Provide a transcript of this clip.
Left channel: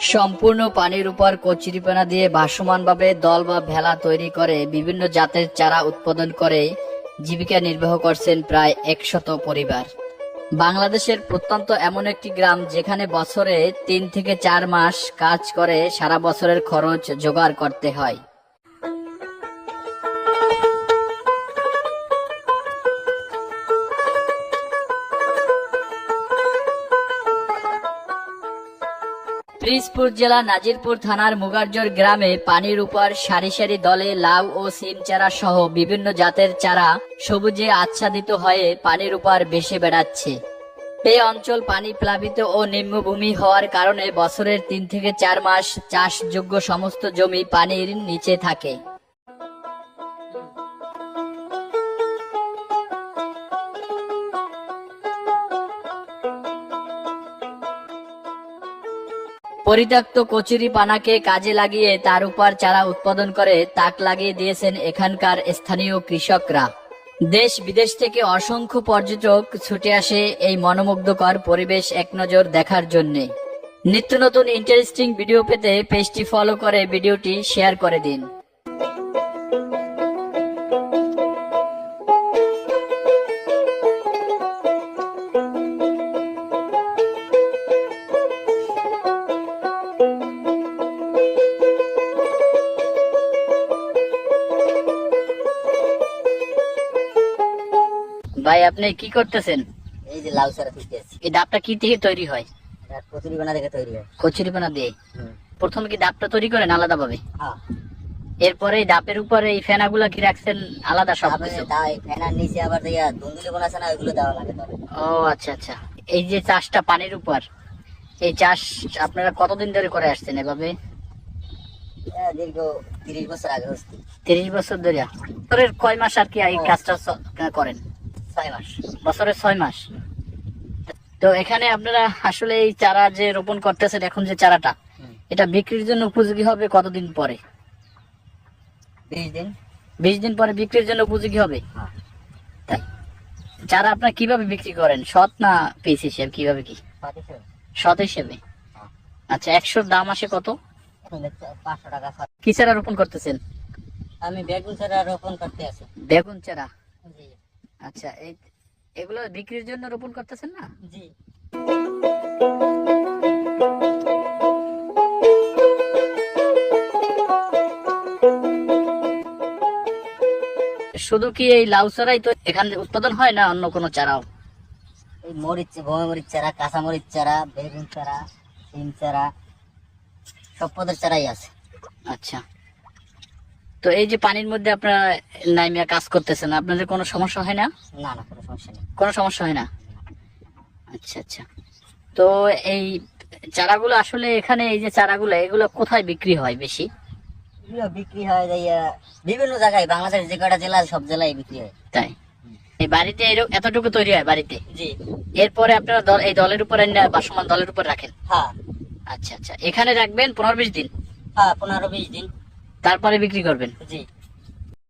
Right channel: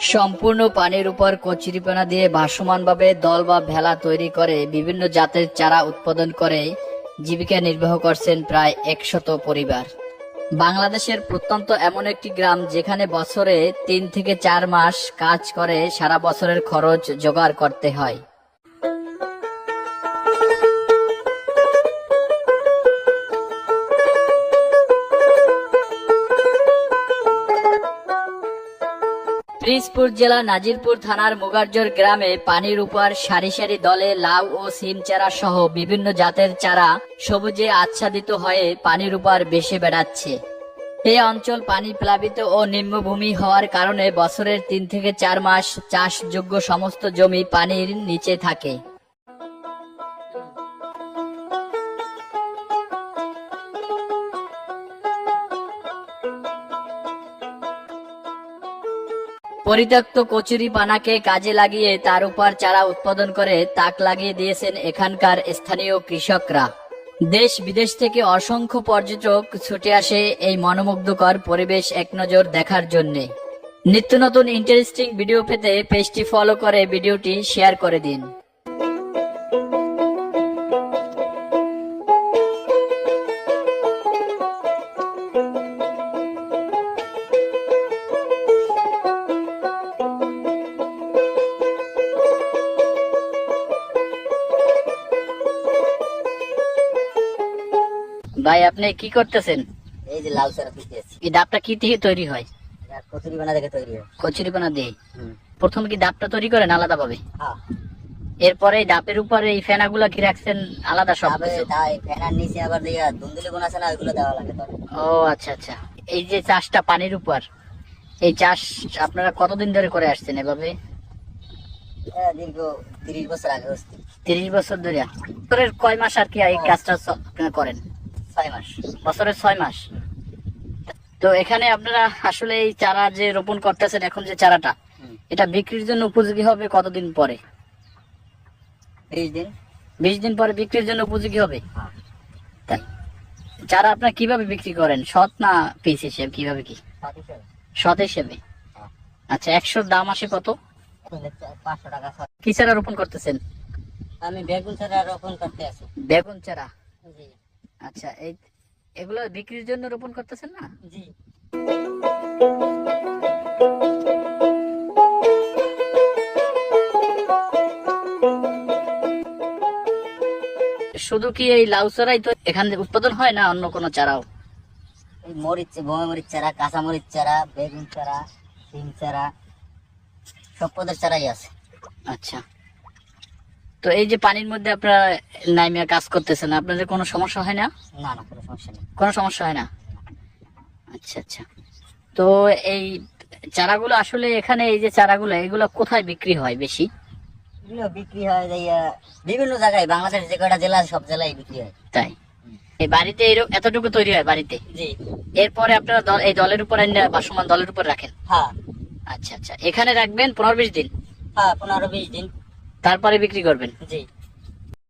সম্পূর্ণ পানির উপর কচুরিপানা দিয়ে ভাসমানভাবে দল বা ভেলা তৈরি করে বিভিন্ন জাতের চারা উৎপাদন করে জীবিকা নির্বাহ করছেন প্রায় 100 পরিবার। বাংলাদেশের প্রত্যন্ত এমন একটি গ্রাম যেখানে বছরে 3 থেকে 4 মাস কাজ করে সারা বছরের খরচ জোগাড় করতে হয়। পিরোজপুর জেলা নাজিরপুর থানার মুগারজর গ্রামে পানির উপর সারি সারি দলে লাউ ও সিম চারা সহ বিভিন্ন জাতের চারা সবুজে আচ্ছাদিত হয়ে পানির উপর ভেসে বেড়াচ্ছে। এই অঞ্চল পানি প্লাবিত ও নিম্নভূমি হওয়ার কারণে বছরের 3 থেকে 4 মাস চাষযোগ্য সমস্ত জমি পানির নিচে থাকে। পরিত্যক্ত কচুরি পানাকে কাজে লাগিয়ে তার উপর চারা উৎপাদন করে তাক লাগিয়ে দিয়েছেন এখানকার স্থানীয় কৃষকরা। দেশ বিদেশ থেকে অসংখ্য পর্যটক ছুটে আসে এই মনোমুগ্ধকর পরিবেশ এক নজর দেখার জন্য। নিত্য নতুন ইন্টারেস্টিং ভিডিও পেতে পেজটি ফলো করে ভিডিওটি শেয়ার করে দিন। ভাই আপনি কি করতেছেন? এই যে লাউ চারা দিতেছি। এই ডাবটা কি থেকে তৈরি হয়? কচুরিপানা থেকে তৈরি হয়। কচুরিপানা দিয়ে প্রথমে কি ডাবটা তৈরি করেন আলাদা ভাবে? হ্যাঁ। এরপরে এই ডাবের উপরে এই ফেনাগুলা কি রাখছেন আলাদা সব কিছু? ফেনার নিচে আবার দিয়া দুন্দুলি কোন আছে না, ওইগুলো দেওয়া লাগে। ও আচ্ছা আচ্ছা। এই যে চাষটা পানির উপর, এই চাষ আপনারা কতদিন ধরে করে আসছেন এভাবে? দীর্ঘ 30 বছর আগে হচ্ছে। 30 বছর ধরে। বছরের কয় মাস আর কি এই কাজটা করেন? 6 মাস। বছরের 6 মাস। তো এখানে আপনারা আসলে এই চারা যে রোপণ করতেছেন এখন যে চারাটা, এটা বিক্রির জন্য উপযোগী হবে কতদিন পরে? 20 দিন। 20 দিন পরে বিক্রির জন্য উপযোগী হবে। তাই চারা আপনারা কিভাবে বিক্রি করেন? সৎ না পিস হিসেবে, কিভাবে কি? সৎ হিসেবে। আচ্ছা, 100 দাম আসে কত? 500 টাকা। কি চারা রোপণ করতেছেন? আমি বেগুন চারা রোপণ করতে আছি। বেগুন চারা? আচ্ছা, এগুলো বিক্রির জন্য রোপণ করতেছেন না? জি। শুধু কি এই লাউ চারাই তো এখানে উৎপাদন হয় না অন্য কোনো চারাও? এই মরিচ, মরিচ চারা, কাঁচা মরিচ চারা, বেগুন চারা, সিম চারা, সব পদের চারাই আছে। আচ্ছা, তো এই যে পানির মধ্যে আপনারা নাইমিয়া কাজ করতেছেন, আপনাদের কোনো সমস্যা হয় না? না না, কোনো সমস্যা নেই। কোনো সমস্যা হয় না? আচ্ছা আচ্ছা। তো এই চারাগুলো আসলে এখানে এই যে চারাগুলো, এগুলো কোথায় বিক্রি হয় বেশি? এগুলো বিক্রি হয় বিভিন্ন জায়গায়, বাংলাদেশ যে কটা জেলা সব জেলায় বিক্রি হয়। তাই? এই বাড়িতে এতটুকু তৈরি হয় বাড়িতে? জি। এরপরে আপনারা এই দলের উপর বাসমান দলের উপর রাখেন? হ্যাঁ। আচ্ছা আচ্ছা, এখানে রাখবেন 15-20 দিন? হ্যাঁ, 15-20 দিন, তারপরে বিক্রি করবেন? জি।